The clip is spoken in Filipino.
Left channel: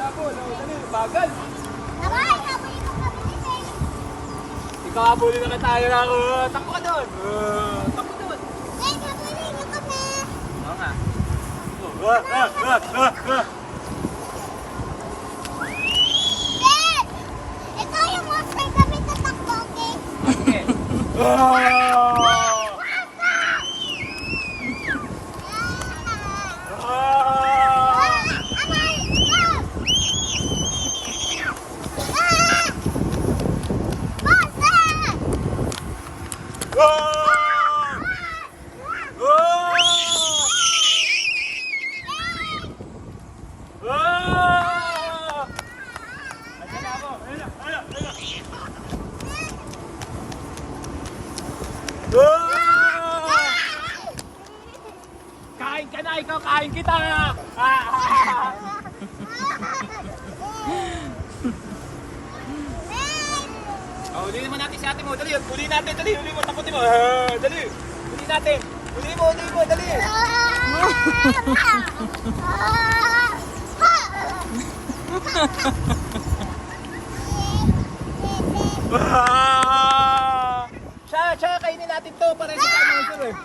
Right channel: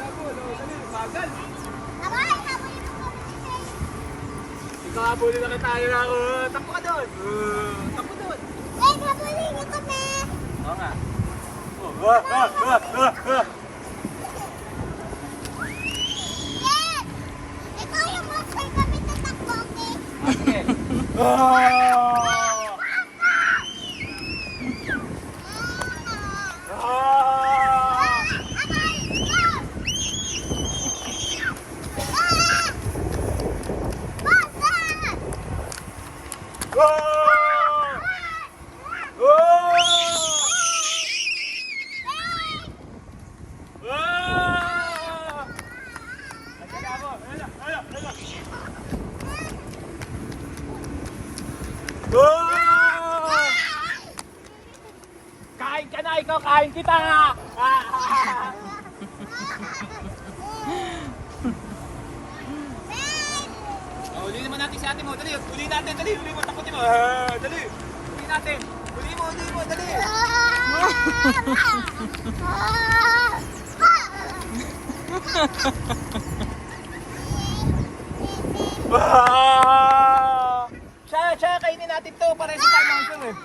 habol. Oh, dali, bagal. Aray, habulin mo kami dito. Ikahabulin na tayo na ako. Takbo ka doon. Takbo doon. Eh, habulin niyo kami. Oo nga. Eh, ikaw yung monster kami tatakbo, okay? Okay. Ah! Ah! Kain ka na, ikaw kain kita. Oh, uli naman natin si ate mo. Dali, uli natin, dali. Uli mo, takutin mo. Dali. Uli natin. Uli mo, dali. Siya, kainin natin to para sa tayo monster eh.